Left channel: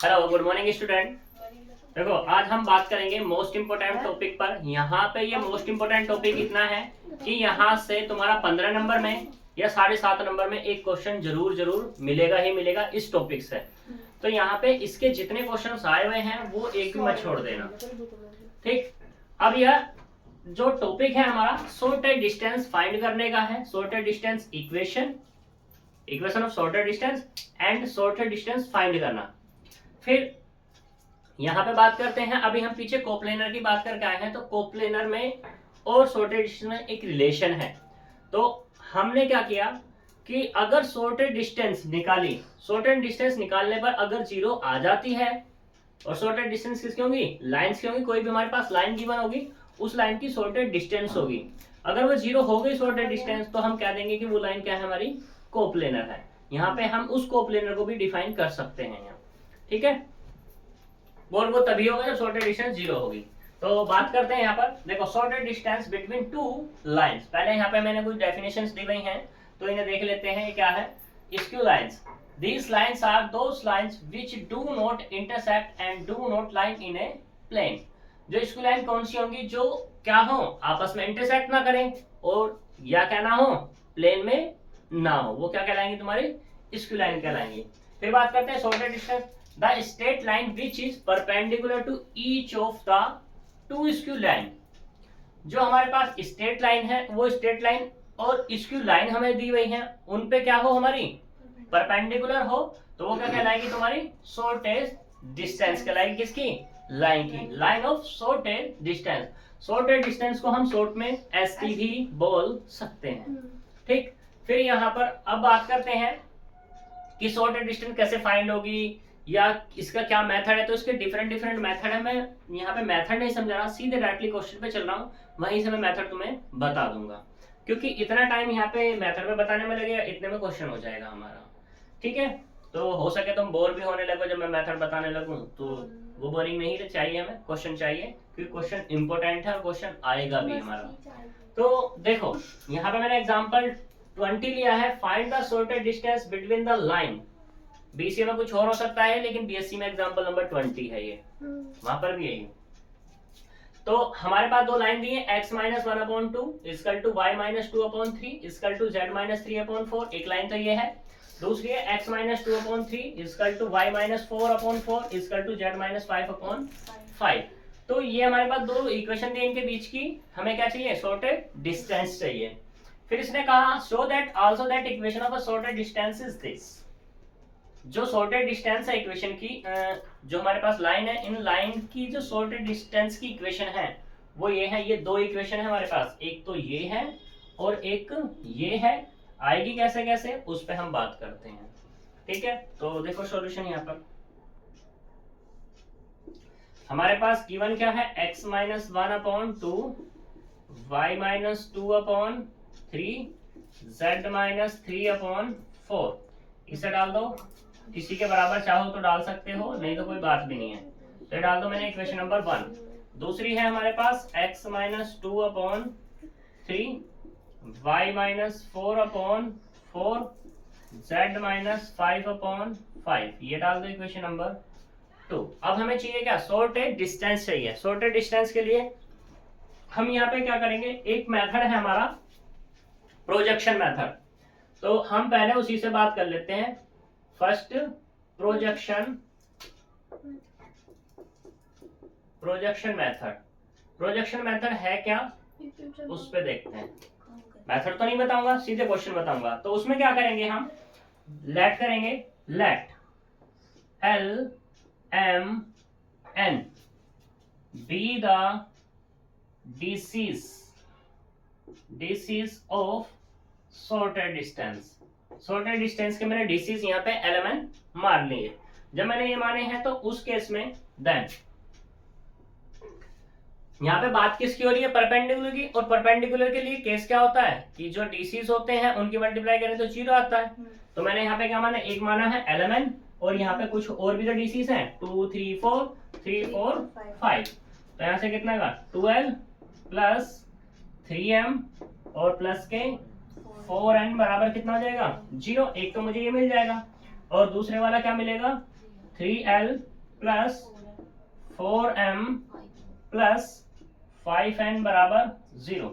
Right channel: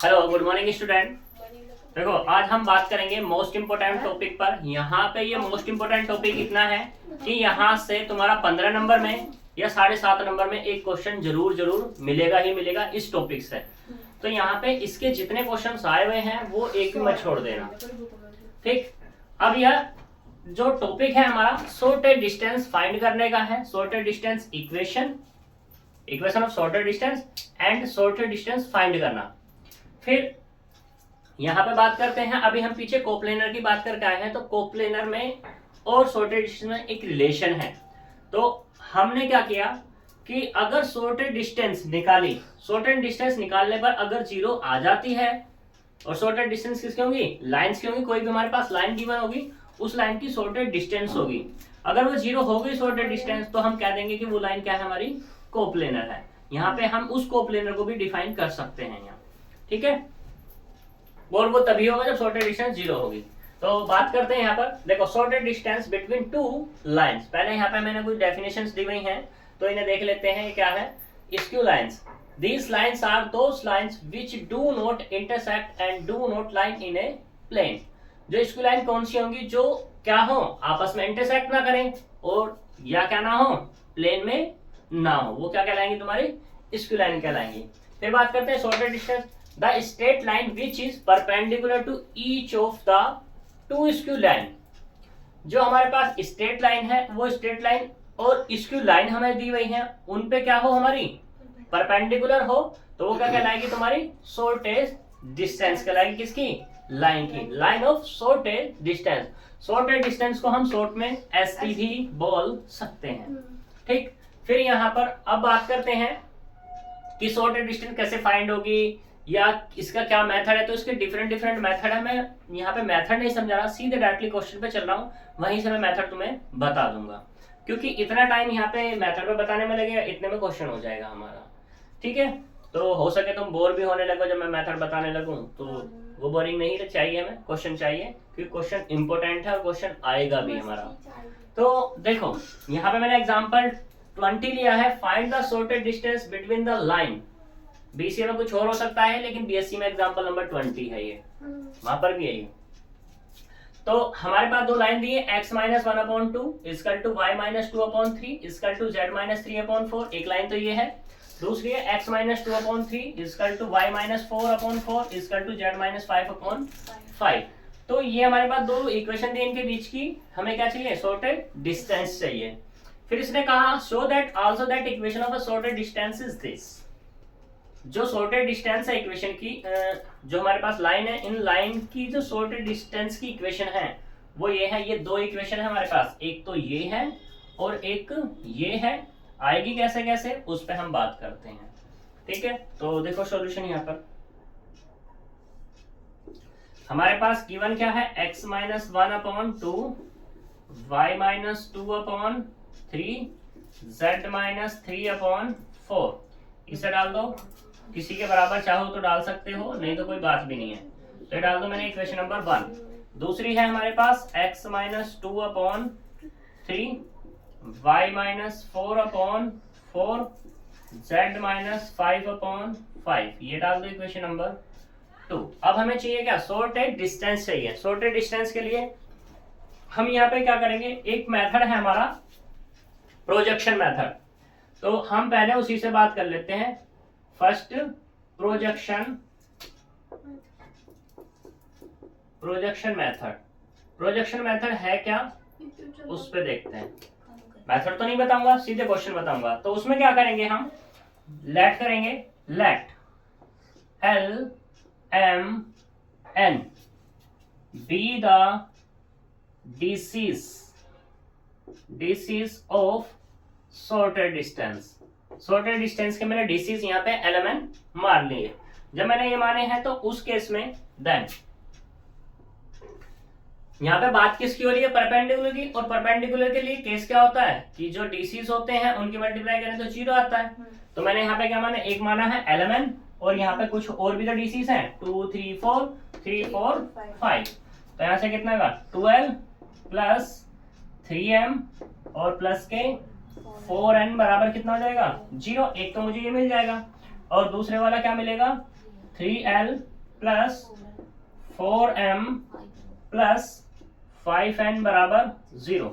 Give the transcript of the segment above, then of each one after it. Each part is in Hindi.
Hello, good morning student. देखो, आज हम बात करेंगे मोस्ट इम्पोर्टेंट टॉपिक पर। यहाँ पे ये मोस्ट इम्पोर्टेंट टॉपिक इतना है कि यहाँ से तुम्हारा 15 नंबर में या 7.5 नंबर में एक क्वेश्चन जरूर जरूर मिलेगा ही मिलेगा इस टॉपिक से। तो यहाँ पे इसके जितने क्वेश्चन आए हुए हैं वो एक भी मत छोड़ देना, ठीक। अब यह जो टॉपिक है हमारा शॉर्टेड डिस्टेंस फाइंड करने का है। Shorted distance equation of shortest distance and shorted distance find करना। फिर यहाँ पे बात करते हैं, अभी हम पीछे कोप्लेनर की बात करके आए हैं, तो कोप्लेनर में और शॉर्टेड डिस्टेंस में एक रिलेशन है। तो हमने क्या किया कि अगर शॉर्टेड डिस्टेंस निकाली, शॉर्टेड डिस्टेंस निकालने पर अगर 0 आ जाती है, और शॉर्टेड डिस्टेंस किसकी होगी? लाइन्स की होगी। कोई भी हमारे पास लाइन गिवन होगी, उस लाइन की शॉर्टेड डिस्टेंस होगी। अगर वो 0 हो गई शॉर्टेड डिस्टेंस, तो हम कह देंगे कि वो लाइन क्या है? हमारी कोप्लेनर है। यहाँ पे हम उस कोप्लेनर को भी डिफाइन कर सकते हैं यहाँ, ठीक है। और वो तभी होगा जब शॉर्टेड डिस्टेंस 0 होगी। तो बात करते हैं यहाँ पर, देखो shorted distance between two lines. पहले यहाँ पे मैंने कुछ डेफिनेशंस दी हुई हैं, तो इन्हें देख लेते हैं। ये क्या है? Skew lines. These lines are those lines which do not intersect and do not line in a plane। जो स्क्यू लाइन कौन सी होंगी? जो क्या हो? आपस में इंटरसेक्ट ना करें और या क्या ना हो? प्लेन में ना हो। वो क्या कहलाएंगी? तुम्हारी स्क्यू लाइन कहलाएंगी। फिर बात करते हैं shortest distance. The straight line which is perpendicular to each of the two skew line. जो हमारे पास स्ट्रेट लाइन है, वो स्ट्रेट लाइन और स्क्यू लाइन हमें दी हुई है, उन पे क्या हो? हमारी परपेंडिकुलर हो, तो वो क्या कहलाएगी? तुम्हारी शॉर्टेज डिस्टेंस कहलाएगी। किसकी? लाइन की। Line of shortage distance. Shortage distance को हम शॉर्ट में एसटी भी बोल सकते हैं, ठीक। फिर यहाँ पर अब बात करते हैं कि शॉर्टेज डिस्टेंस कैसे फाइंड होगी या इसका क्या मेथड है। तो इसके डिफरेंट मेथड है। मैं यहाँ पे मेथड नहीं समझा रहा, सीधे डायरेक्टली क्वेश्चन पे चल रहा हूँ, वहीं से मैं मेथड तुम्हें बता दूंगा, क्योंकि इतना टाइम यहाँ पे मेथड पे बताने में लगेगा, इतने में क्वेश्चन हो जाएगा हमारा, ठीक है। तो हो सके तुम बोर भी होने लगो जब मैं मेथड बताने लगूं, तो वो बोरिंग नहीं चाहिए, हमें क्वेश्चन चाहिए, क्योंकि क्वेश्चन इंपॉर्टेंट है और क्वेश्चन आएगा भी हमारा। तो देखो यहाँ पे मैंने एग्जांपल 20 लिया है। Find the shortage distance between the line. BCA में कुछ और हो सकता है, लेकिन बीएससी में एग्जांपल नंबर 20 है ये, वहां पर भी यही। तो हमारे पास दो लाइन दी है, x minus 1/2 equal to y minus 2/3 equal to z minus 3/4। एक लाइन तो ये है। दूसरी है x minus 2/3 equal to y minus 4/4 equal to z minus 5/5। तो ये हमारे पास दो इक्वेशन दी, इनके बीच की हमें क्या चाहिए? शॉर्टेड डिस्टेंस चाहिए। फिर इसने कहा show that also that equation of a shorted distance is this. जो शॉर्टेड डिस्टेंस है इक्वेशन की, जो हमारे पास लाइन है, इन लाइन की जो शॉर्टेड डिस्टेंस की इक्वेशन है वो ये है। ये दो इक्वेशन है हमारे पास, एक तो ये है और एक ये है। आएगी कैसे कैसे उस पर हम बात करते हैं, ठीक है। तो देखो सॉल्यूशन यहाँ पर हमारे पास गिवन क्या है? x minus 1/2 y minus 2/3 z minus 3/4। इसे डाल दो, किसी के बराबर चाहो तो डाल सकते हो, नहीं तो कोई बात भी नहीं है। तो ये डाल दो मैंने इक्वेशन नंबर 1। दूसरी है हमारे पास x minus 2/3 y minus 4/4 z minus 5/5। ये डाल दो इक्वेशन नंबर 2। अब हमें चाहिए क्या? शॉर्टेड डिस्टेंस चाहिए। शॉर्टेड डिस्टेंस के लिए हम यहाँ पे क्या करेंगे? एक मेथड है हमारा प्रोजेक्शन मेथड, तो हम पहले उसी से बात कर लेते हैं। First projection method. Projection method है क्या, उस पे देखते हैं। मेथड तो नहीं बताऊंगा, सीधे क्वेश्चन बताऊंगा। तो उसमें क्या करेंगे? हम लेट करेंगे। Let LMN be the DCs of shortest distance. Shortest distance के मैंने डिसीज यहाँ पे LMN मान लिए। जब मैंने ये माने हैं तो उस केस में देन यहाँ पे बात किसकी हो रही है? परपेंडिकुलर की। और परपेंडिकुलर के लिए केस क्या होता है कि जो डिसीज होते हैं उनकी मल्टीप्लाई करें तो 0 आता है। तो मैंने यहाँ पे क्या माना? एक माना है LMN, और यहाँ पे कुछ और भी जो डिसीज हैं 2 3 4 3 4 5। तो यहाँ से कितना का 12 प्लस 3m और प्लस के 4n बराबर कितना हो जाएगा? 0। एक तो मुझे ये मिल जाएगा। और दूसरे वाला क्या मिलेगा 3l plus 4m plus 5n बराबर 0।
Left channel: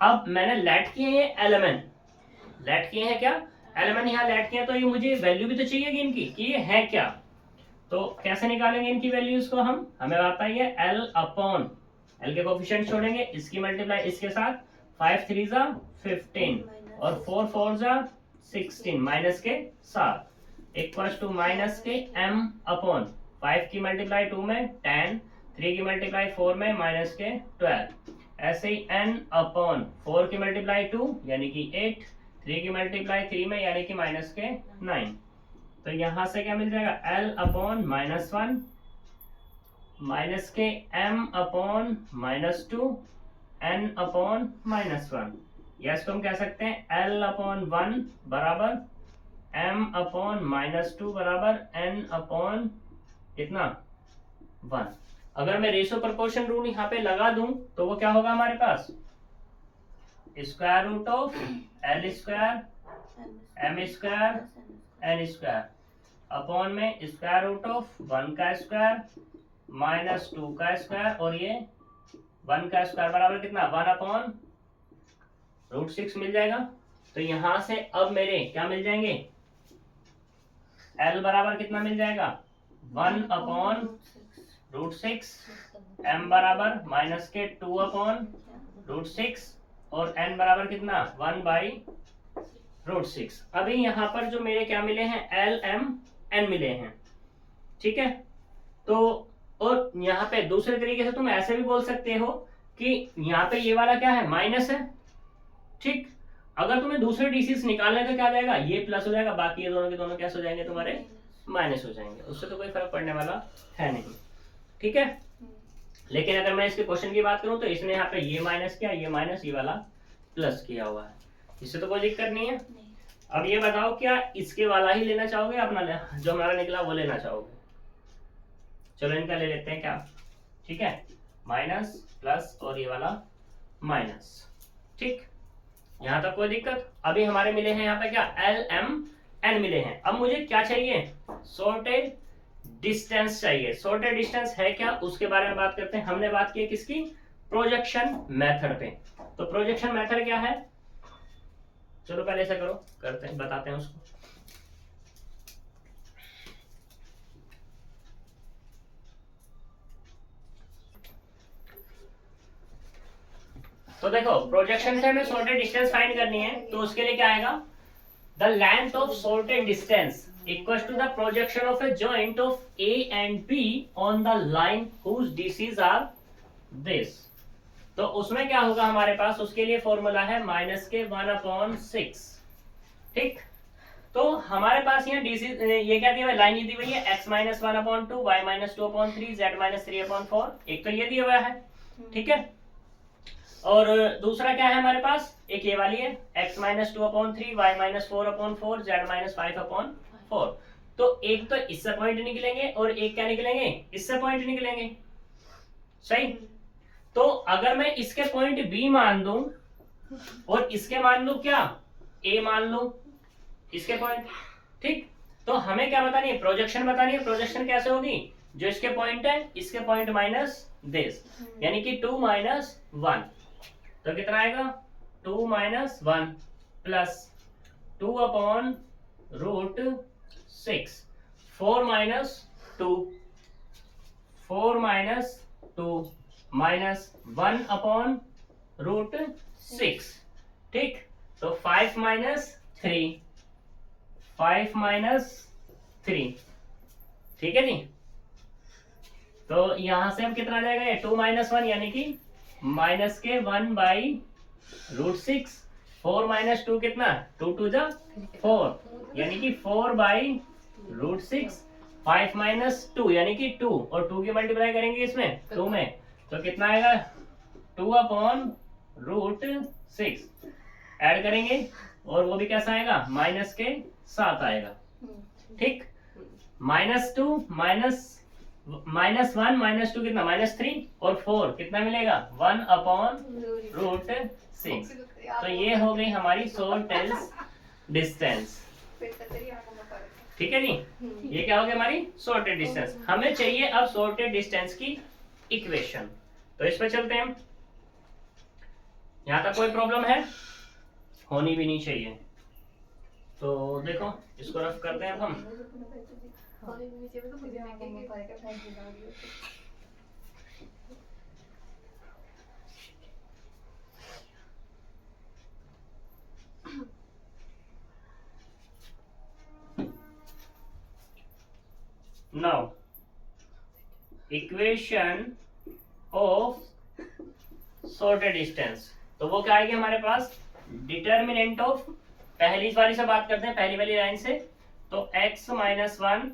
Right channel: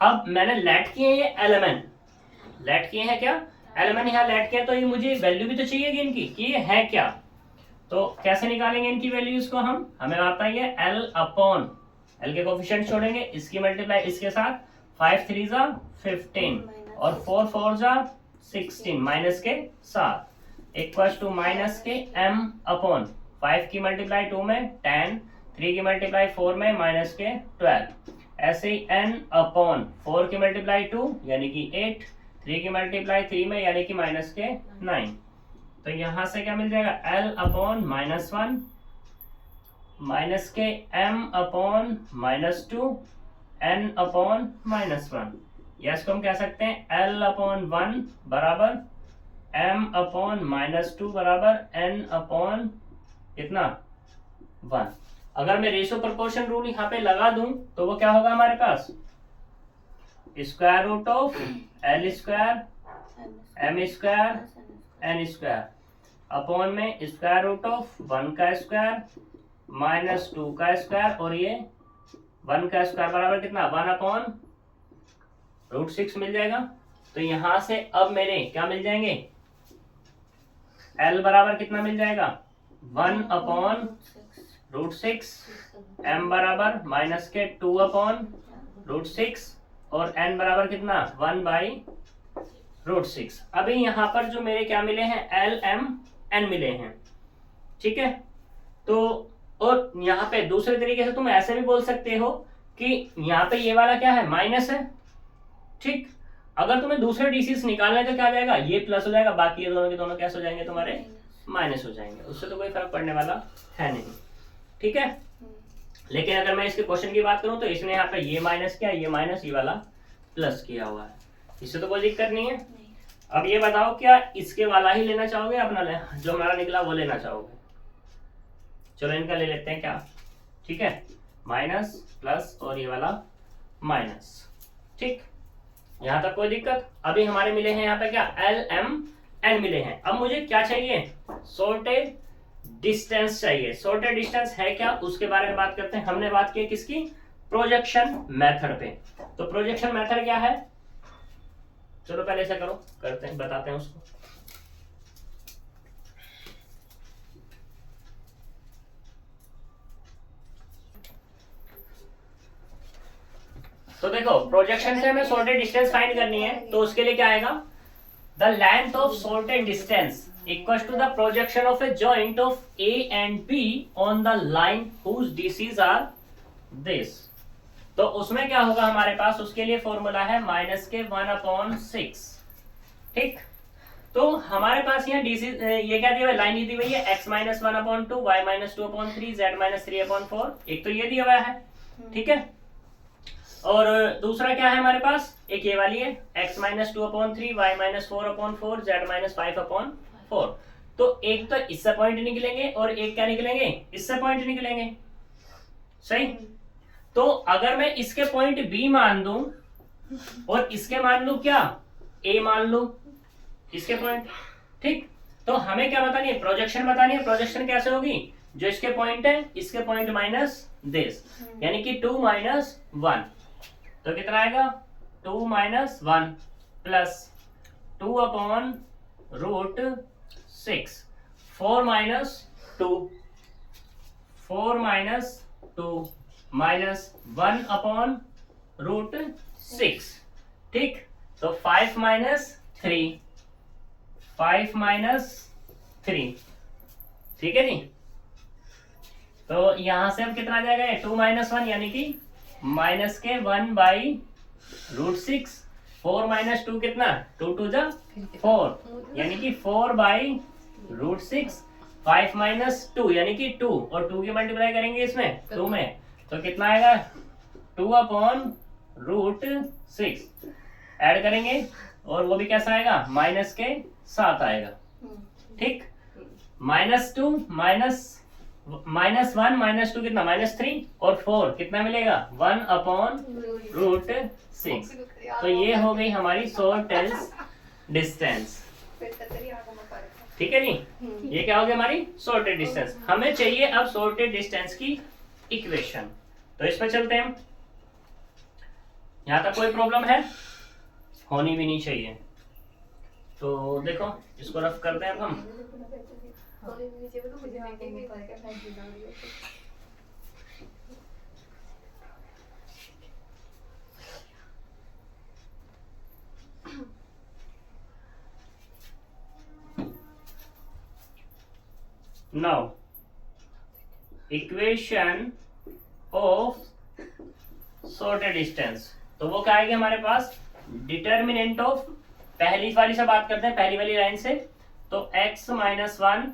अब मैंने लेट किए ये एलिमेंट, लेट किए हैं क्या एलिमेंट यहाँ लेट किए, तो ये मुझे वैल्यू भी तो चाहिए इनकी कि ये है क्या। तो कैसे निकालेंगे इनकी वैल्यूज को हम, हमें आता है ये l अपॉन l के कोफिशिएंट छोड़ेंगे, इसकी मल्टीप्लाई इसके साथ 5 3 जा 15 और 4 4 जा 16 माइनस के साथ इक्वल टू माइनस के m अपॉन 5 की मल्टीप्लाई 2 में 10, 3 की मल्टीप्लाई 4 में माइनस के 12, ऐसे ही n अपॉन 4 की मल्टीप्लाई 2 यानी कि 8, 3 की मल्टीप्लाई 3 में यानी कि माइनस के 9। तो यहां से क्या मिल जाएगा l अपॉन -1 माइनस के m अपॉन -2 n अपॉन -1, या इसको हम कह सकते हैं l अपॉन 1 बराबर m अपॉन -2 बराबर n अपॉन कितना 1। अगर मैं रेशियो प्रोपोर्शन रूल यहाँ पे लगा दूं तो वो क्या होगा हमारे पास square root of l square m square n square upon में स्क्वायर रूट ऑफ 1 का स्क्वायर माइनस 2 का स्क्वायर और ये 1 का स्क्वायर बराबर कितना 1 अपॉन √6 मिल जाएगा। तो यहां से अब मेरे क्या मिल जाएंगे l बराबर कितना मिल जाएगा 1 अपॉन √6, m बराबर माइनस के 2 अपॉन √6 और n बराबर कितना 1/√6। अभी यहाँ पर जो मेरे क्या मिले हैं l m n मिले हैं, ठीक है। तो और यहाँ पे दूसरे तरीके से तुम ऐसे भी बोल सकते हो कि यहाँ पे ये वाला क्या है माइनस है, ठीक। अगर तुम्हें दूसरे डीसीज निकालना है तो क्या आ जाएगा ये प्लस हो जाएगा, बाकी ये दोनों के दोनों कैसे हो जाएंगे तुम्हारे माइनस हो जाएंगे, उससे तो कोई फर्क पड़ने वाला है नहीं, ठीक है। लेकिन अगर मैं इसके क्वेश्चन की बात करूं तो इसने यहाँ पे ये माइनस किया, ये माइनस, ये वाला प्लस किया हुआ है, इससे तो कोई दिक्कत नहीं है। अब ये बताओ क्या इसके वाला ही लेना चाहोगे अपना जो हमारा निकला वो लेना चाहोगे। चलो इनका ले लेते हैं क्या, ठीक है, माइनस प्लस और ये वाला माइनस, ठीक। यहाँ तक कोई दिक्कत। अभी हमारे मिले हैं यहाँ पे क्या एल एम एन मिले हैं। अब मुझे क्या चाहिए सॉर्टेड डिस्टेंस चाहिए। सॉर्टेड डिस्टेंस है क्या उसके बारे में बात करते हैं। हमने बात की किसकी प्रोजेक्शन मेथड पे। तो प्रोजेक्शन मेथड क्या है, चलो पहले ऐसा करो करते हैं बताते हैं उसको। तो देखो प्रोजेक्शन से हमें सॉर्टेड डिस्टेंस फाइंड करनी है, तो उसके लिए क्या आएगा the length of shortest distance equals to the projection of a joint of A and B on the line whose DCs are this. तो उसमें क्या होगा हमारे पास, उसके लिए फॉर्मूला है माइनस के 1/6, ठीक। तो हमारे पास यहाँ डीसी ये क्या दिया हुआ है, लाइन ये दी हुई है x - 1/2 y - 2/3 z - 3/4, एक तो ये दिया हुआ है, ठीक है। और दूसरा क्या है हमारे पास, एक ये वाली है x - 2/3 y - 4/4 z - 5/4। तो एक तो इससे पॉइंट निकलेंगे और एक क्या निकलेंगे इससे पॉइंट निकलेंगे, सही। तो अगर मैं इसके पॉइंट b मान दूं और इसके मान लूं क्या a मान लूं इसके पॉइंट, ठीक। तो हमें क्या बतानी है प्रोजेक्शन बतानी है। प्रोजेक्शन कैसे होगी, जो इसके पॉइंट है इसके पॉइंट माइनस दिस, यानी कि 2 - 1, तो कितना आएगा 2 - 1 प्लस 2/√6 4 - 2 माइनस 1/√6, ठीक। तो 5 - 3, ठीक है जी। तो यहां से अब कितना आ जाएगा ये 2 - 1 यानी कि माइनस के 1/√6, 4 - 2 कितना 2 2 जा 4 यानी कि 4/√6, 5 - 2 यानी कि 2 और 2 की मल्टीप्लाई करेंगे इसमें 2 में, तो कितना आएगा 2/√6 ऐड करेंगे और वो भी कैसा आएगा माइनस के साथ आएगा, ठीक। -2 -1 -2 कितना -3 और 4 कितना मिलेगा 1/√6। तो ये हो गई हमारी सॉर्टेड डिस्टेंस। ठीक है जी, ये क्या हो गया हमारी सॉर्टेड डिस्टेंस। हमें चाहिए अब सॉर्टेड डिस्टेंस की इक्वेशन, तो इस पर चलते हैं। यहां तक कोई प्रॉब्लम है? होनी भी नहीं चाहिए। तो देखो इसको रफ करते हैं अब हम। Now equation of shortest distance, तो वो क्या आएगी हमारे पास? डिटर्मिनेंट ऑफ, पहली वाली से बात करते हैं, पहली वाली लाइन से। तो x minus 1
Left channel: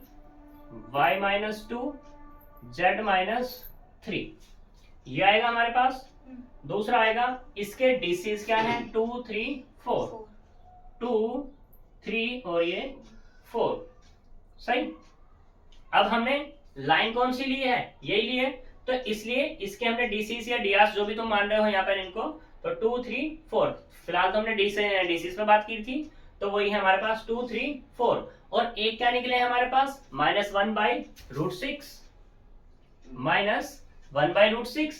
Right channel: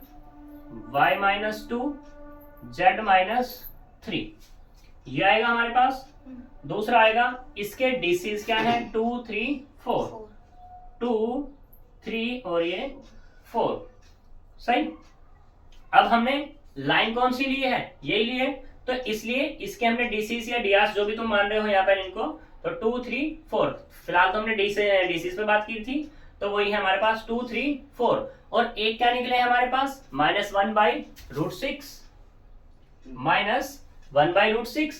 y minus 2 z minus 3, ये आएगा हमारे पास। दूसरा आएगा, इसके डिसीज क्या है? 2 3 4, 2 3 और ये 4, सही। अब हमने लाइन कौन सी ली है? यही ली है, तो इसलिए इसके हमने डीसीस या डीआर जो भी तुम मान रहे हो यहाँ पर इनको, तो 2 3 4, फिलहाल तो हमने डीसीस पे बात की थी, तो वही है हमारे पास 2 3 4। और एक क्या निकले हैं हमारे पास? -1/√6 माइनस 1/√6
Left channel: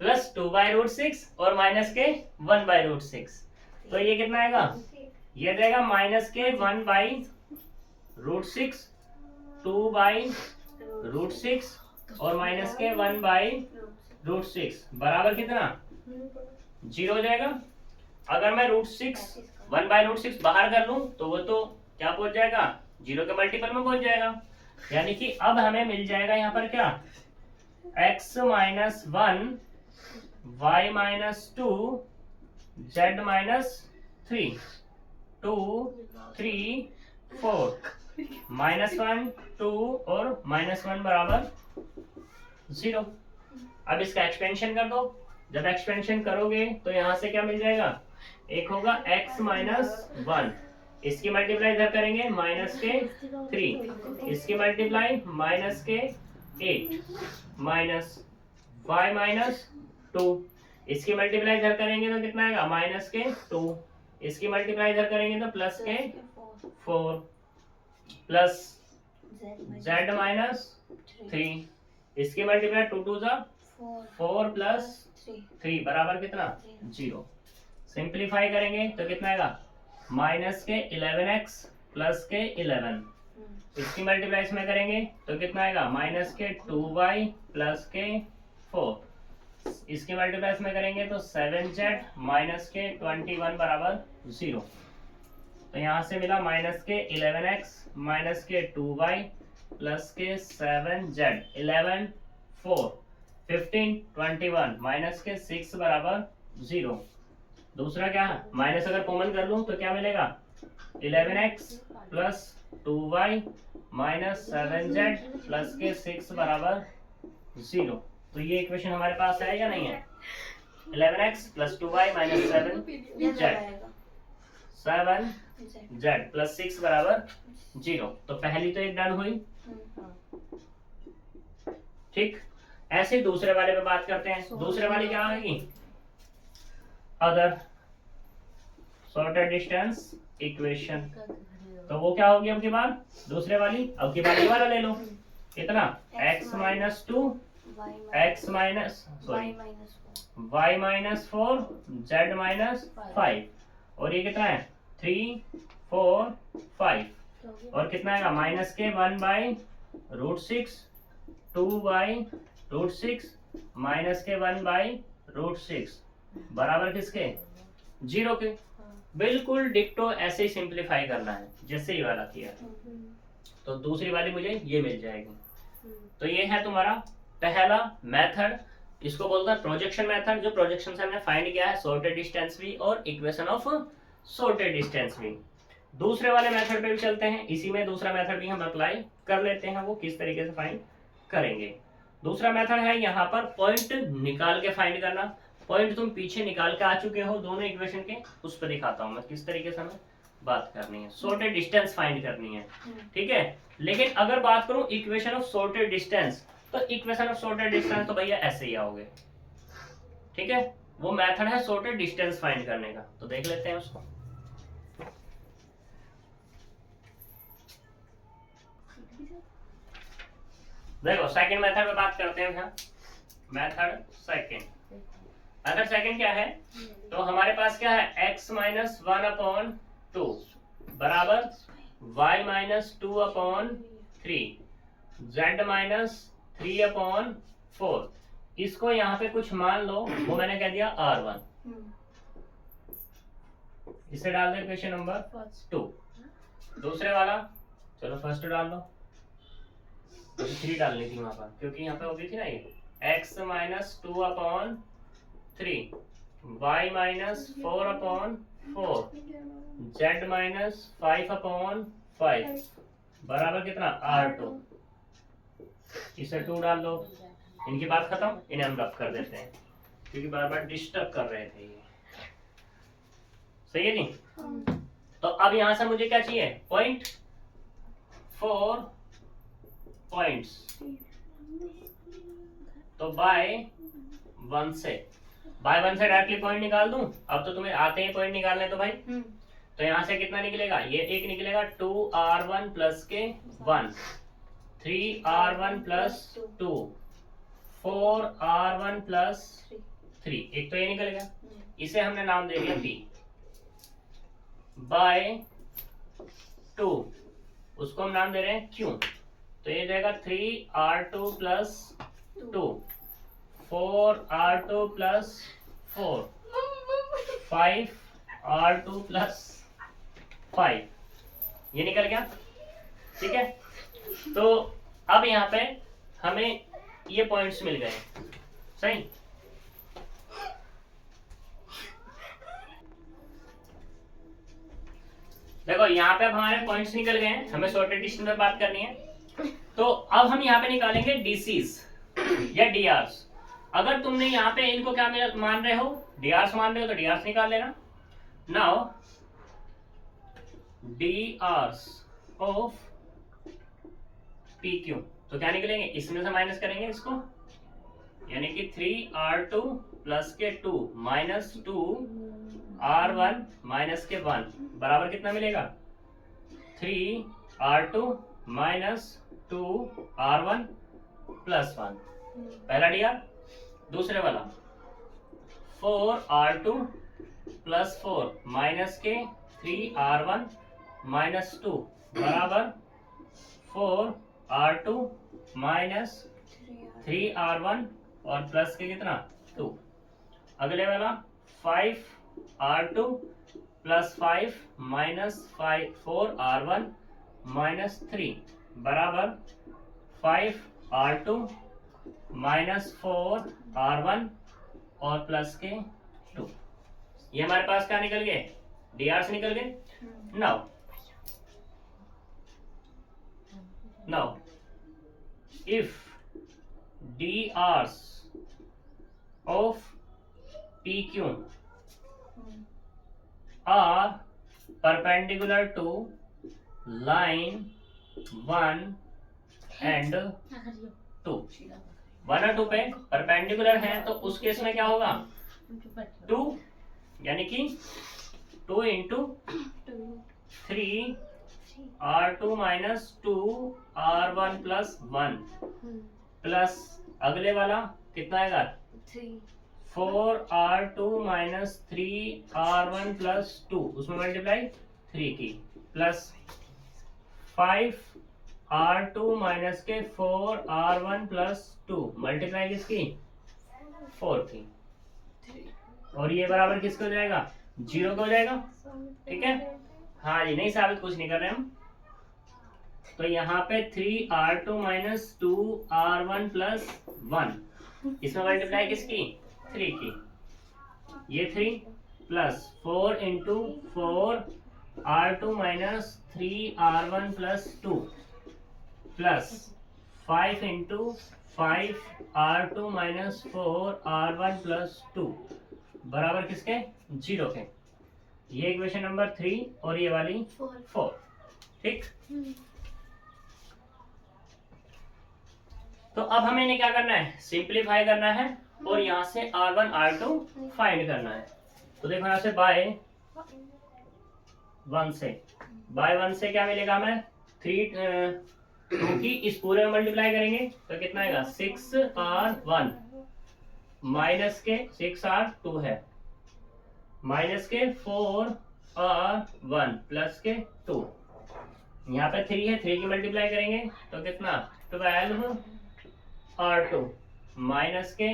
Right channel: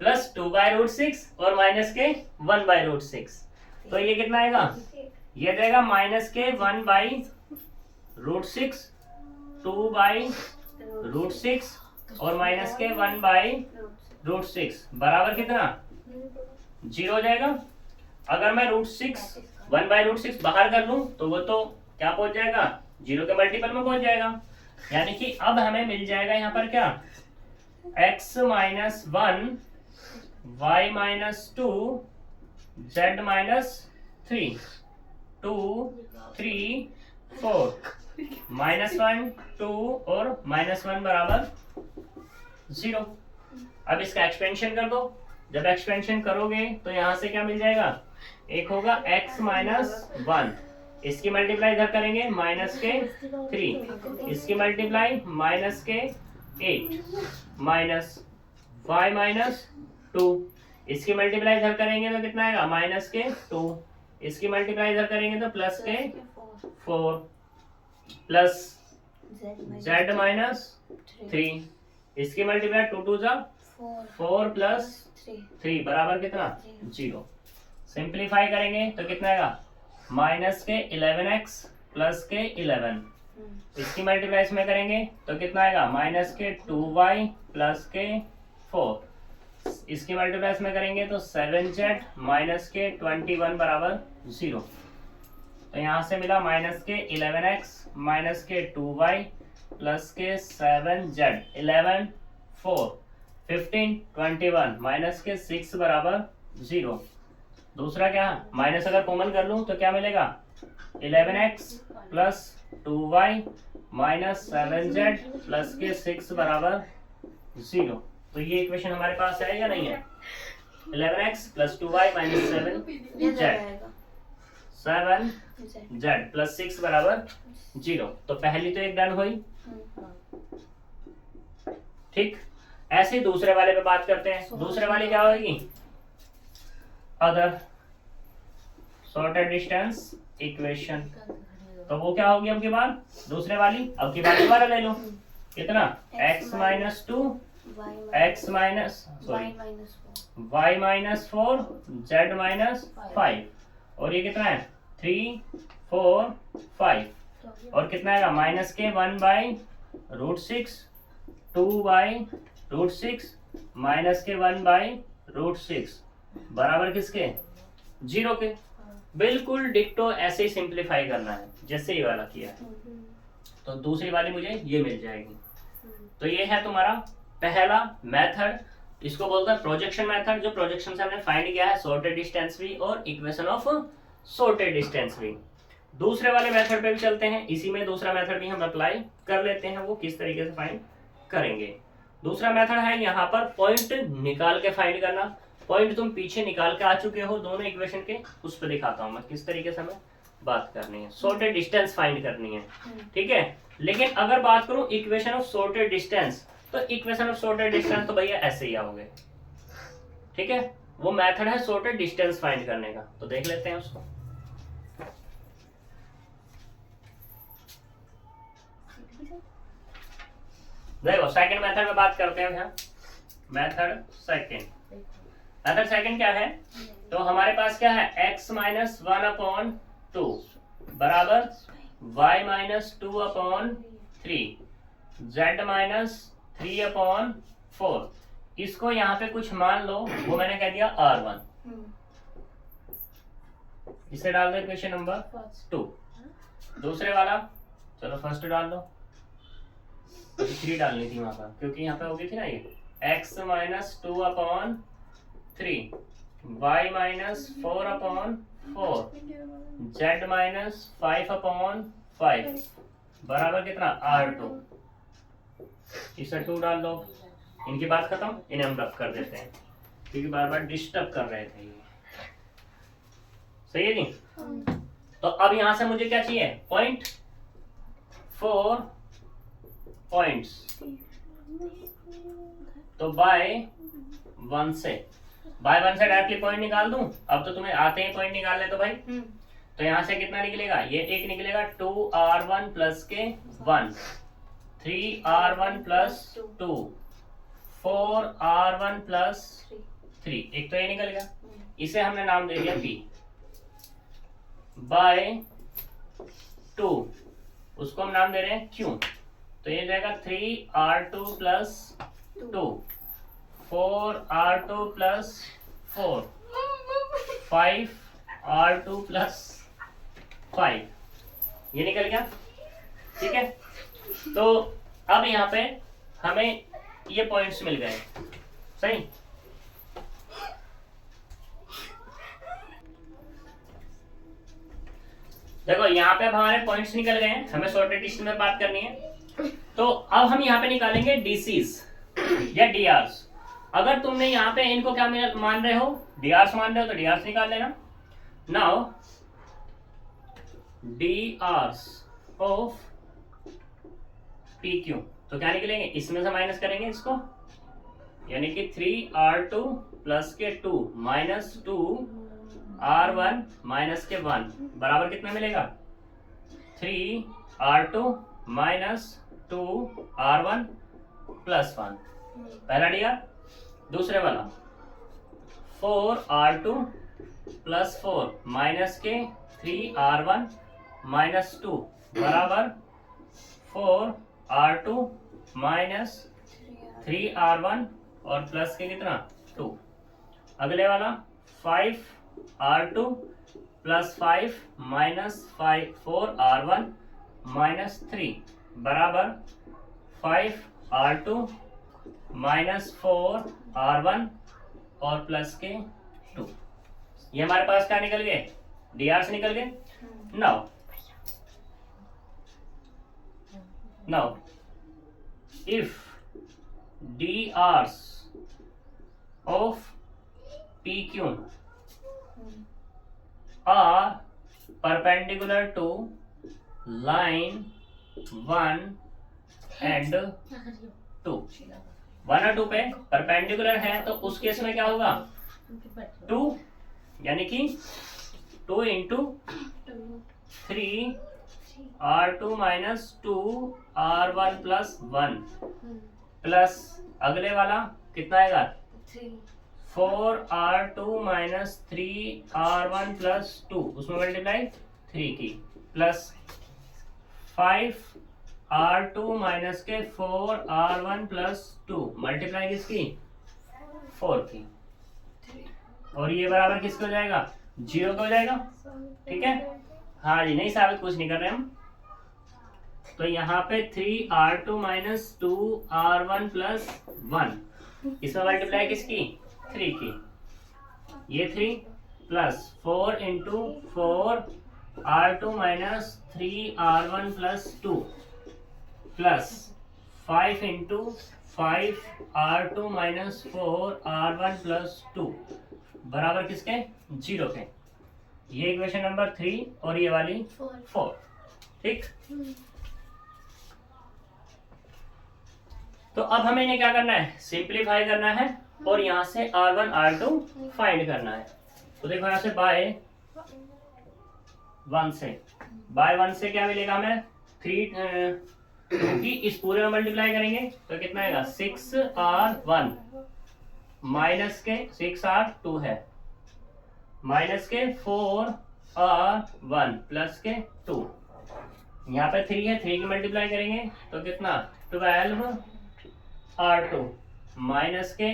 प्लस 2/√6 और माइनस के 1/√6, तो ये कितना आएगा? ये जाएगा -1/√6 2/√6 और माइनस के 1/√6 बराबर कितना? 0 हो जाएगा। अगर मैं √6 1/√6 बाहर कर लूं तो वो तो क्या पहुंच जाएगा? 0 के मल्टीपल में पहुंच जाएगा। यानी कि अब हमें मिल जाएगा यहाँ पर क्या? x minus 1 y minus 2 z minus 3 2 3 4 -1 2 और -1 बराबर 0। अब इसका एक्सपेंशन कर दो। जब एक्सपेंशन करोगे तो यहां से क्या मिल जाएगा? एक होगा x माइनस 1, इसकी मल्टीप्लाई इधर करेंगे माइनस के 3, इसकी मल्टीप्लाई माइनस के 8 माइनस y माइनस 2, इसकी मल्टीप्लाई इधर करेंगे तो कितना आएगा? माइनस के 2, इसकी मल्टीप्लाई इधर करेंगे तो प्लस के 4 प्लस z माइनस 3, इसकी मल्टीप्लाई 2 2 जा 4 प्लस 3 बराबर कितना? 0। सिंप्लीफाई करेंगे तो कितना आएगा? माइनस के 11x प्लस के 11, इसकी मल्टीप्लाई इसमें करेंगे तो कितना आएगा? माइनस के 2y प्लस के 4, इसकी मल्टीप्लाई इसमें करेंगे तो 7z माइनस के 21 बराबर 0। तो यहाँ से मिला माइनस के 11x माइनस के 2y प्लस के 7z 11 4 15 21 माइनस के 6 बराबर 0। दूसरा क्या? माइनस अगर कॉमन कर लूं तो क्या मिलेगा? 11x plus 2y minus 7z plus के 6 बराबर 0। तो ये इक्वेशन हमारे पास है या नहीं है? 11x plus 2y minus 7z plus 6 बराबर 0। तो पहली तो एक डन हुई, ठीक। ऐसे ही दूसरे वाले पे बात करते हैं। दूसरे वाली क्या होगी? Other sorted distance equation. तो वो क्या होगी अब की बार? दूसरे वाली। अब की बार दोबारा ले लो। कितना? x minus 2 x minus y minus 4 z minus 5, और ये कितना है? 3 4 5, और कितना आएगा? माइनस के 1/√6 2/√6 माइनस के 1/√6 बराबर किसके? 0 के। बिल्कुल डिक्टो ऐसे ही सिंप्लीफाई करना है जैसे ये वाला किया। तो दूसरी वाली मुझे ये मिल जाएगी। तो ये है तुम्हारा पहला मेथड, इसको बोलता है प्रोजेक्शन मेथड, जो प्रोजेक्शन से हमने फाइंड किया है सॉर्टेड डिस्टेंस भी और इक्वेशन ऑफ सॉर्टेड डिस्टेंस भी। दूसरे वाले मेथड पे भी चलते हैं। इसी में दूसरा मेथड भी हम अप्लाई कर लेते हैं, वो किस तरीके से फाइंड करेंगे। दूसरा मेथड है यहाँ पर पॉइंट निकाल के फाइंड करना। पॉइंट तुम पीछे निकाल के आ चुके हो दोनों इक्वेशन के, उस पर दिखाता हूँ मैं किस तरीके से हमें बात करनी है। सॉर्टेड डिस्टेंस फाइंड करनी है, ठीक है। लेकिन अगर बात करूं इक्वेशन ऑफ सॉर्टेड डिस्टेंस, तो इक्वेशन ऑफ सॉर्टेड डिस्टेंस तो भैया ऐसे ही आओगे, ठीक है। वो मेथड है सॉर्टेड डिस्टेंस फाइंड करने का, तो देख लेते हैं उसको। देखो सेकंड मेथड में बात करते हैं। मेथड सेकंड क्या है? तो हमारे पास क्या है, x माइनस 1/2 बराबर y माइनस 2/3 z माइनस 3/4। इसको यहाँ पे कुछ मान लो, वो मैंने कह दिया r1। इसे डाल दो इक्वेशन नंबर 2। दूसरे वाला चलो फर्स्ट डाल दो, 3 डालनी थी वहां पर क्योंकि यहाँ पे होगी थी ना ये x minus 2/3 y minus 4/4 z minus 5/5 बराबर कितना r2। इसे 2 डाल दो। इनकी बात खत्म, इन्हें हम रब कर देते हैं क्योंकि बार बार डिस्टर्ब कर रहे थे ये। सही है जी? तो अब यहां से मुझे क्या चाहिए, 0.4 पॉइंट्स। तो बाय 1 से डायरेक्टली पॉइंट निकाल दूं। अब तो तुम्हें आते हैं पॉइंट निकालने तो भाई। तो यहां से कितना निकलेगा, ये एक निकलेगा 2r1 प्लस के 1, 3r1 प्लस 2, 4r1 प्लस 3, एक तो ये निकल गया। इसे हमने नाम दे दिया p बाय 2, उसको हम नाम दे रहे हैं q। तो ये जाएगा 3r2 plus 2, 4r2 plus 4, 5r2 plus 5, ये निकल गया। ठीक है, तो अब यहाँ पे हमें ये पॉइंट्स मिल गए। सही, देखो यहाँ पे अब हमारे पॉइंट्स निकल गए हैं। हमें सॉर्टेड डिस्टेंस में बात करनी है, तो अब हम यहाँ पे निकालेंगे डीसीज या डीआरस। अगर तुमने यहाँ पे इनको क्या मान रहे हो, डीआरस मान रहे हो, तो डीआरस निकाल लेना। नाउ डीआरस ऑफ PQ, तो क्या निकलेंगे, इसमें से माइनस करेंगे इसको, यानी कि 3r2 प्लस के 2 माइनस 2r1 माइनस के 1 बराबर कितना मिलेगा, 3r2 माइनस 2r1 प्लस 1। पहला डीआर। दूसरे वाला 4r2 प्लस 4 माइनस के 3r1 माइनस 2 बराबर 4r2 माइनस 3r1 और प्लस के कितना 2। अगले वाला 5r2 plus 5 minus 4r1 minus 3 बराबर 5r2 माइनस 4r1 और प्लस के 2। ये हमारे पास क्या निकल गए, डीआर से निकल गए। Now, if drs of PQ are perpendicular to line 1 and 2, 1 और 2 पे परपेंडिकुलर है, तो उस केस में क्या होगा, 2 यानी कि 2 into 3 r2 minus 2 r1 plus 1 plus अगले वाला कितना आएगा, 4r2 माइनस 3r1 प्लस 2, उसमें मल्टीप्लाई 3 की, प्लस 5r2 माइनस के 4r1 प्लस 2 मल्टीप्लाई किसकी, 4 की, और ये बराबर किसको हो जाएगा, 0 का हो जाएगा। ठीक है, हाँ जी, नहीं साबित कुछ नहीं कर रहे हम। तो यहाँ पे 3r2 माइनस 2r1 प्लस 1, इसमें मल्टीप्लाई किसकी, 3 की, ये 3 plus 4 into 4r2 minus 3r1 plus 2 plus 5 into 5r2 minus 4r1 plus 2 बराबर किसके, 0 के। ये इक्वेशन नंबर 3 और ये वाली 4। ठीक, तो अब हमें इन्हें क्या करना है, सिंप्लीफाई करना है और यहाँ से r1 r2 फाइंड करना है। तो देखो यहाँ से बाय 1 से क्या मिलेगा हमें, क्योंकि इस पूरे में मल्टीप्लाई करेंगे तो कितना आएगा 6R1 माइनस के 6R2 है माइनस के 4R1 प्लस के 2, यहाँ पे 3 है, 3 की मल्टीप्लाई करेंगे तो कितना 12R2 माइनस के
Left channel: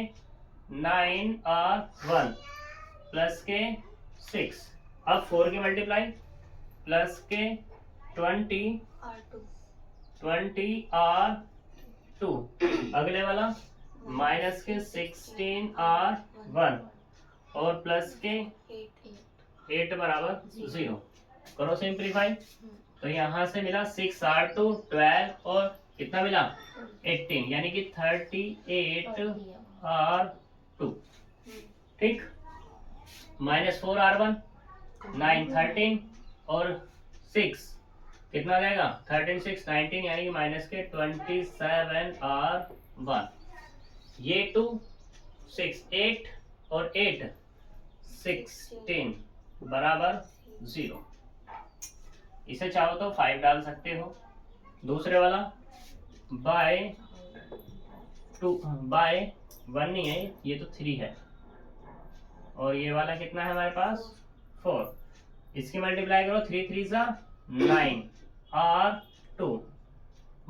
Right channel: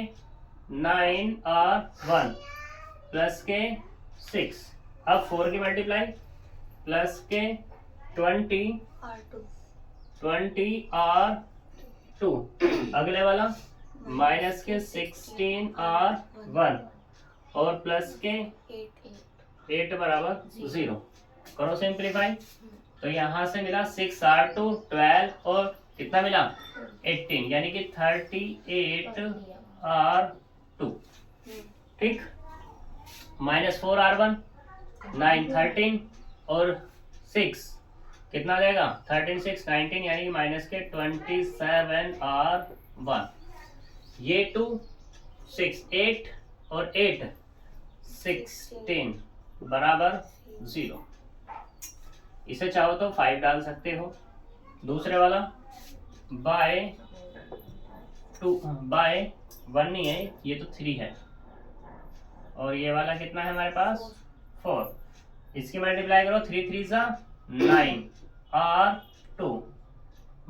9R1 प्लस के 6, अब 4 की मल्टीप्लाई प्लस के 20R2 अगले वाला माइनस के 16R1 और प्लस के 8 बराबर 0। करो सिंप्लीफाई, तो यहाँ से मिला 6R2 12 और कितना मिला 18 यानी कि 38R2। ठीक, माइनस 4R1 9 13 और 6 कितना आ जाएगा 13 6 19 यानी कि माइनस के 27R1। ये 2 6 8 और 8 16 बराबर 0। इसे चाहो तो 5 डाल सकते हो। दूसरे वाला बाय 1 नहीं है, ये तो 3 है और ये वाला कितना है हमारे पास 4। इसकी मल्टीप्लाई करो 3 3 9R2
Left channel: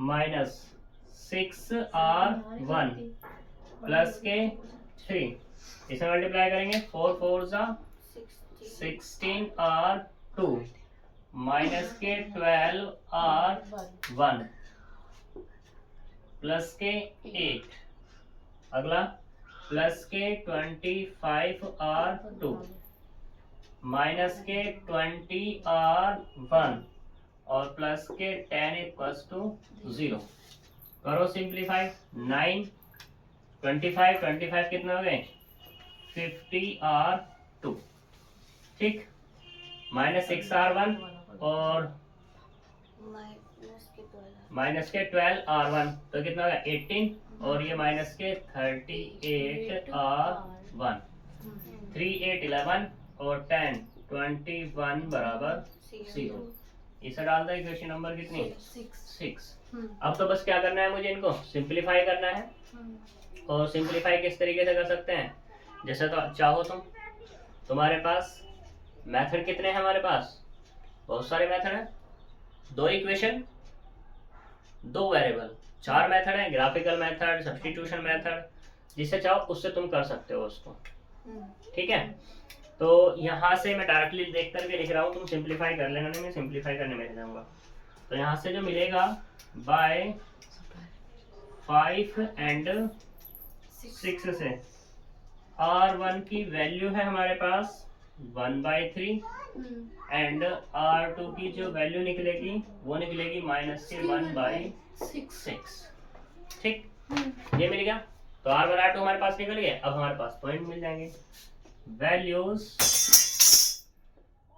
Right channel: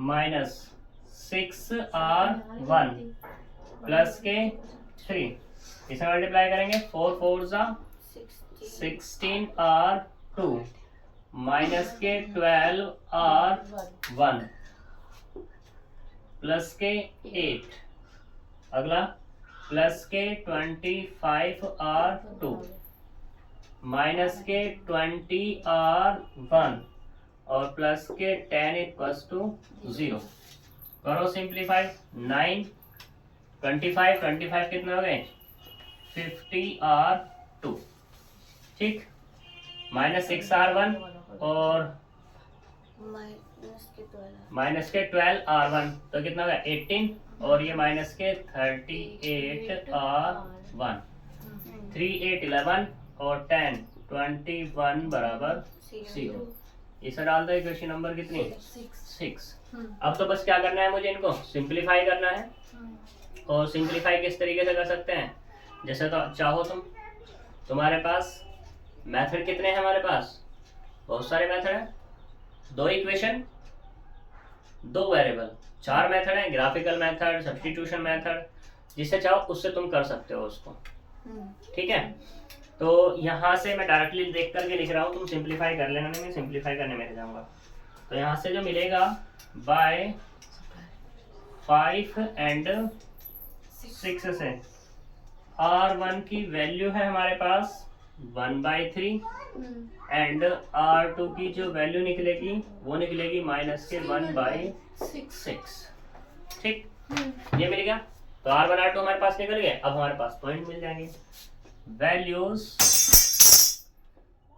माइनस 6R1 प्लस के 3, इसे मल्टीप्लाई करेंगे 4 4 16R2 माइनस के 12R1 प्लस के 8, अगला प्लस के 25R2 माइनस के 20R1 और प्लस के 10 इक्वल्स टू 0। करो सिंप्लीफाई, 9 25 कितने हो गए 50R2। ठीक, माइनस 6R1 और माइनस के 12R1 तो कितना हो गया 18 और ये माइनस के 38R1। 3 8 11 और 10 21 बराबर 0। इसे डाल दो इक्वेशन नंबर कितनी 6। अब तो बस क्या करना है मुझे, इनको सिंप्लीफाई करना है। और सिंप्लीफाई किस तरीके से कर सकते हैं, जैसे तो चाहो तुम्हारे पास मेथड कितने हैं, हमारे पास बहुत सारे मेथड हैं। 2 इक्वेशन 2 वेरिएबल, 4 मेथड हैं, ग्राफिकल मेथड, सब्स्टिट्यूशन मेथड, जिससे चाहो उससे तुम कर सकते हो उसको। ठीक है, तो यहाँ से मैं डायरेक्टली देख करके लिख रहा हूँ, तुम सिंप्लीफाई कर लेना, मैं सिंप्लीफाई करने में जाऊँगा। तो यहाँ से जो मिलेगा बाय 5 एंड 6 से R1 की वैल्यू है हमारे पास 1/3 एंड R2 की जो वैल्यू निकलेगी वो निकलेगी माइनस के 1/6। ठीक, ये मिल गया। तो R1 R2 हमारे पास निकल गए। अब हमारे पास पॉइंट मिल जाएंगे, values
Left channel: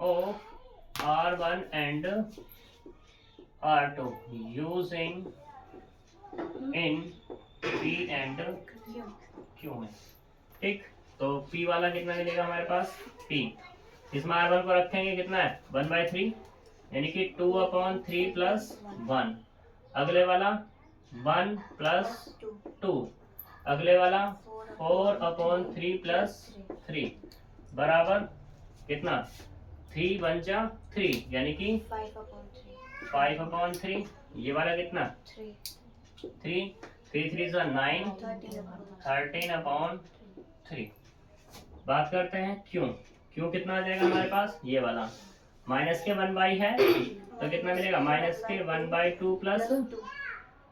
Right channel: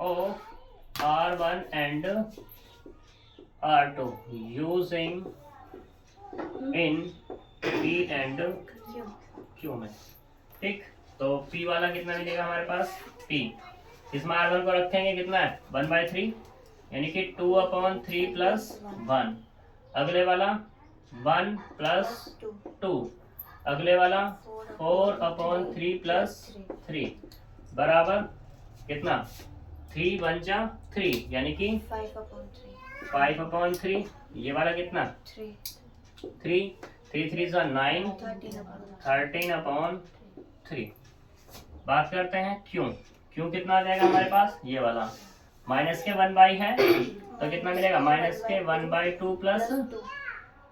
of R1 and R2 using in P and Q में। ठीक, तो P वाला कितना मिलेगा हमारे पास P, इसमें R1 को रखेंगे कितना है 1/3 यानी कि 2/3 प्लस 1, अगले वाला 1 प्लस 2, अगले वाला 4/3 प्लस 3 बराबर कितना 3 1 जा 3 यानी कि 5/3। ये वाला कितना 3 3 3 9 13/3। बात करते हैं क्यों कितना आ जाएगा हमारे पास, ये वाला माइनस के 1 है तो कितना मिलेगा माइनस के 1/2 प्लस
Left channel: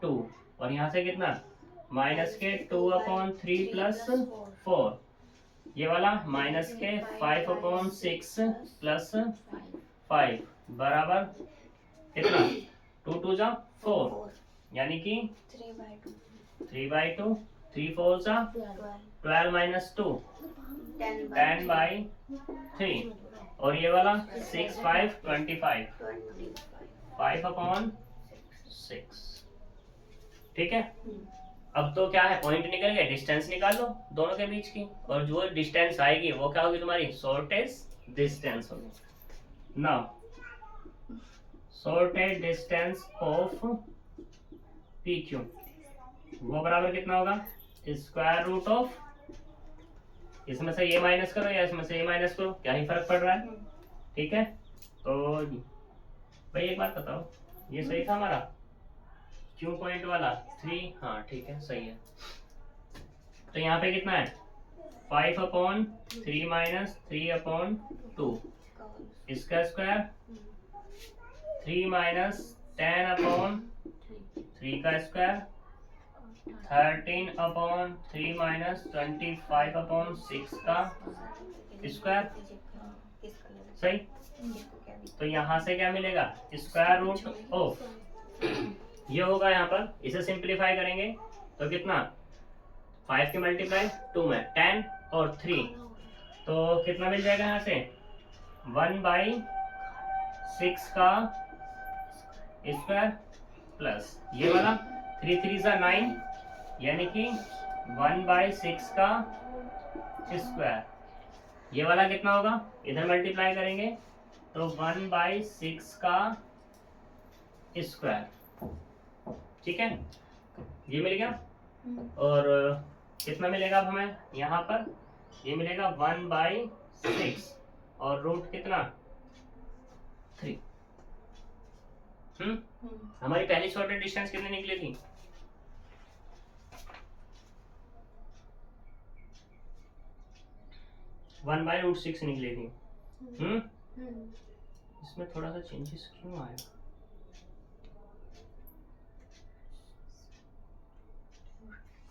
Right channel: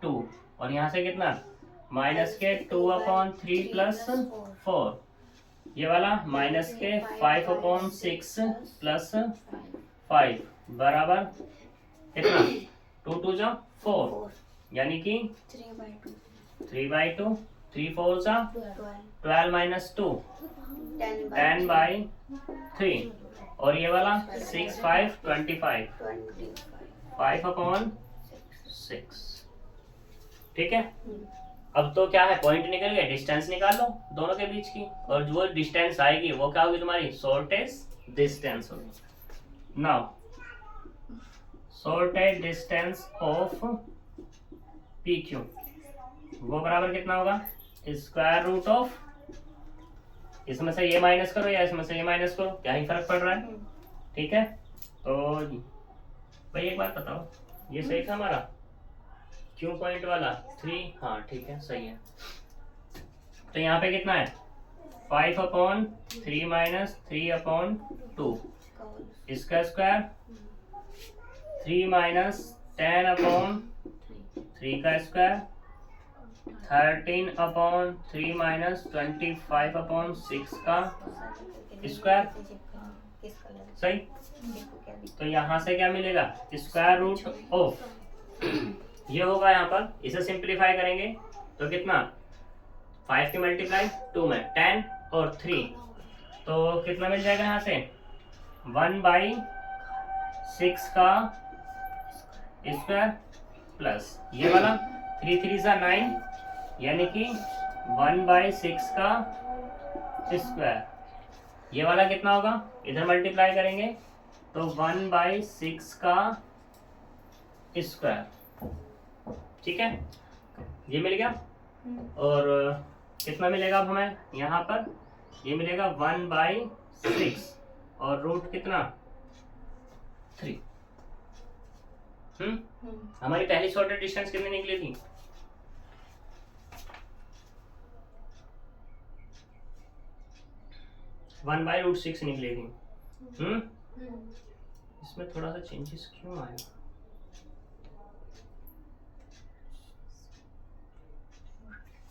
2 और यहाँ से कितना माइनस के 2/3 प्लस 4, ये वाला माइनस के 5/6 प्लस 5 बराबर कितना 2 2 जा 4 यानी कि 3/2 3 4 जा 12 माइनस 2 10/3 और ये वाला 6 5 25 5/6। ठीक है, अब तो क्या है पॉइंट निकल गए, डिस्टेंस निकाल लो दोनों के बीच की और जो डिस्टेंस आएगी वो क्या होगी तुम्हारी शॉर्टेस्ट डिस्टेंस होगी। Now shortest distance of P Q, वो बराबर कितना होगा स्क्वायर रूट ऑफ, इसमें से ये माइनस करो या इसमें से ये माइनस करो, क्या ही फर्क पड़ रहा है। ठीक है, तो भाई एक बात बताओ, ये सही था हमारा क्यू पॉइंट वाला 3, हाँ ठीक है सही है। तो यहाँ पे कितना है 5/3 माइनस 3/2, इसका स्क्वायर 3 माइनस 10/3 का स्क्वायर 13/3 माइनस 25/6 का स्क्वायर, सही। तो यहाँ से क्या मिलेगा स्क्वायर रूट ऑफ, ये होगा यहाँ पर, इसे सिंप्लीफाई करेंगे तो कितना 5 की मल्टीप्लाई 2 में 10 और 3, तो कितना मिल जाएगा यहाँ से 1/6 का स्क्वायर प्लस ये वाला 3 3 सा 9, यानी कि 1/6 का स्क्वायर, ये वाला कितना होगा इधर मल्टीप्लाई करेंगे तो 1/6 का स्क्वायर, ठीक है ये मिल गया। और कितना मिलेगा अब हमें यहाँ पर, ये मिलेगा 1/6 और रूट कितना 3। हमारी पहली शॉर्टेड डिस्टेंस कितनी निकली थी 1/√6 निकली थी। इसमें थोड़ा सा चेंजेस क्यों आया,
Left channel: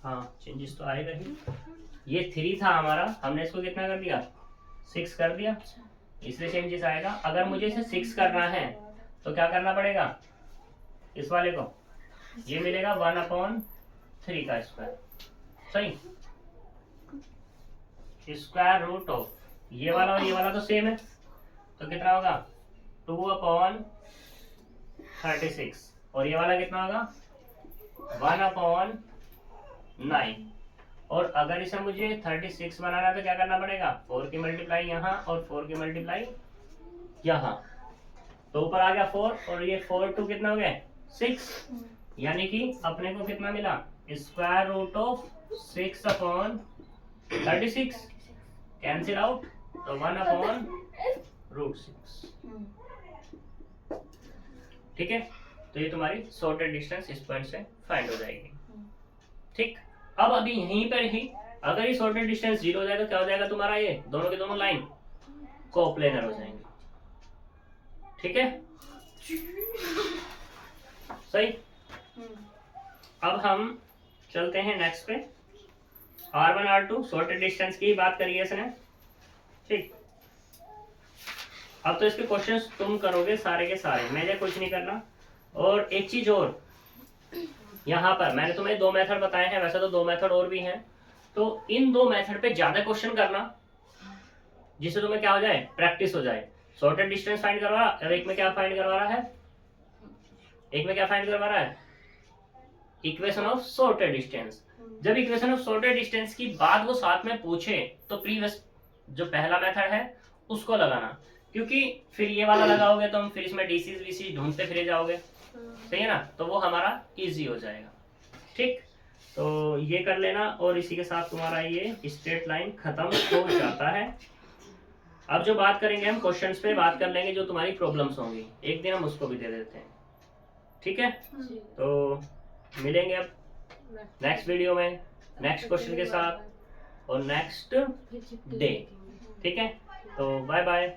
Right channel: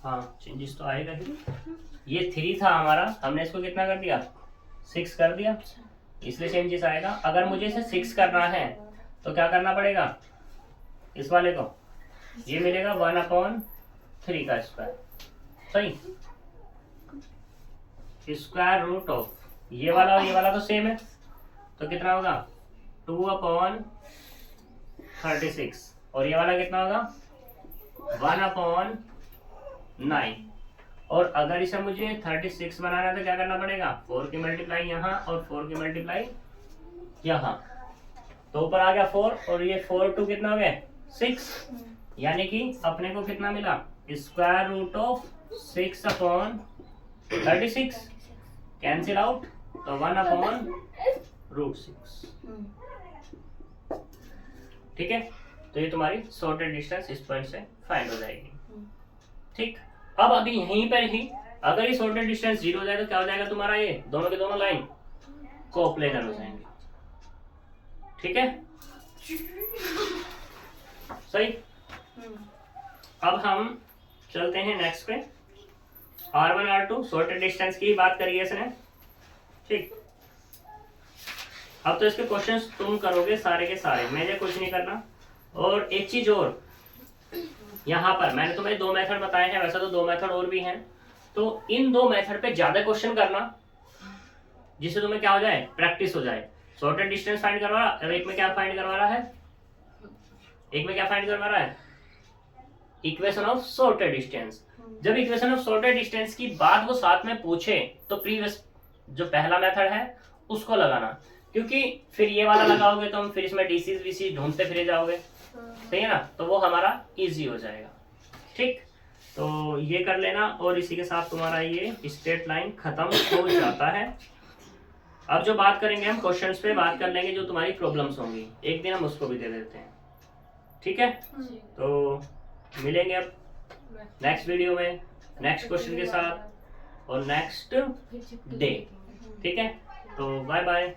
हाँ चेंजेस तो आएगा ही। ये 3 था हमारा, हमने इसको कितना कर दिया 6 कर दिया, इसलिए चेंजेस आएगा। अगर मुझे इसे 6 करना है तो क्या करना पड़ेगा, इस वाले को ये मिलेगा 1/3 का स्क्वायर, सही, स्क्वायर रूट ऑफ ये वाला और ये वाला तो सेम है, तो कितना होगा 2/36 और ये वाला कितना होगा 1/9। और अगर इसे मुझे 36 बनाना है तो क्या करना पड़ेगा 4 की मल्टीप्लाई यहाँ और 4 की मल्टीप्लाई यहाँ, तो ऊपर आ गया 4 और ये 4 2 कितना हो गया 6, यानी कि अपने को कितना मिला square root of 6/36, cancel out तो 1/√6। ठीक है, तो ये तुम्हारी सॉर्टेड डिस्टेंस इस पॉइंट से फाइंड हो जाएगी। ठीक, अब अभी यहीं पर ही अगर ये सॉर्टेड डिस्टेंस 0 हो जाए तो क्या हो जाएगा तुम्हारा, ये दोनों के दोनों लाइन कोप्लेनर हो जाएंगे। ठीक है, सही। अब हम चलते हैं नेक्स्ट पे, R1 R2 सॉर्टेड डिस्टेंस की बात करिए इसने। ठीक, अब तो इसके क्वेश्चंस तुम करोगे सारे के सारे, मैंने कुछ नहीं करना। और एक चीज और, यहाँ पर मैंने तुम्हें 2 मेथड बताए हैं, वैसे तो 2 मेथड और भी हैं, तो इन 2 मेथड पे ज्यादा क्वेश्चन करना जिससे तुम्हें क्या हो जाए प्रैक्टिस हो जाए। सॉर्टेड डिस्टेंस फाइंड करवा रहा है, एक में क्या फाइंड करवा रहा है, एक में क्या फाइंड करवा रहा है इक्वेशन ऑफ सॉर्टेड डिस्टेंस। जब इक्वेशन ऑफ सॉर्टेड डिस्टेंस की बात वो साथ में पूछे तो प्रीवियस जो पहला मेथड है उसको लगाना, क्योंकि फिर ये वाला लगाओगे तो हम फिर इसमें डीसी वीसी ढूंढते फिर जाओगे, सही है ना, तो वो हमारा इजी हो जाएगा। ठीक, तो ये कर लेना और इसी के साथ तुम्हारा ये स्ट्रेट लाइन खत्म हो जाता है। अब जो बात करेंगे हम क्वेश्चंस पे बात कर लेंगे, जो तुम्हारी प्रॉब्लम्स होंगी एक दिन हम उसको भी दे देते हैं। ठीक है, तो मिलेंगे अब नेक्स्ट वीडियो में नेक्स्ट क्वेश्चन के साथ और नेक्स्ट डे। ठीक है, तो बाय बाय।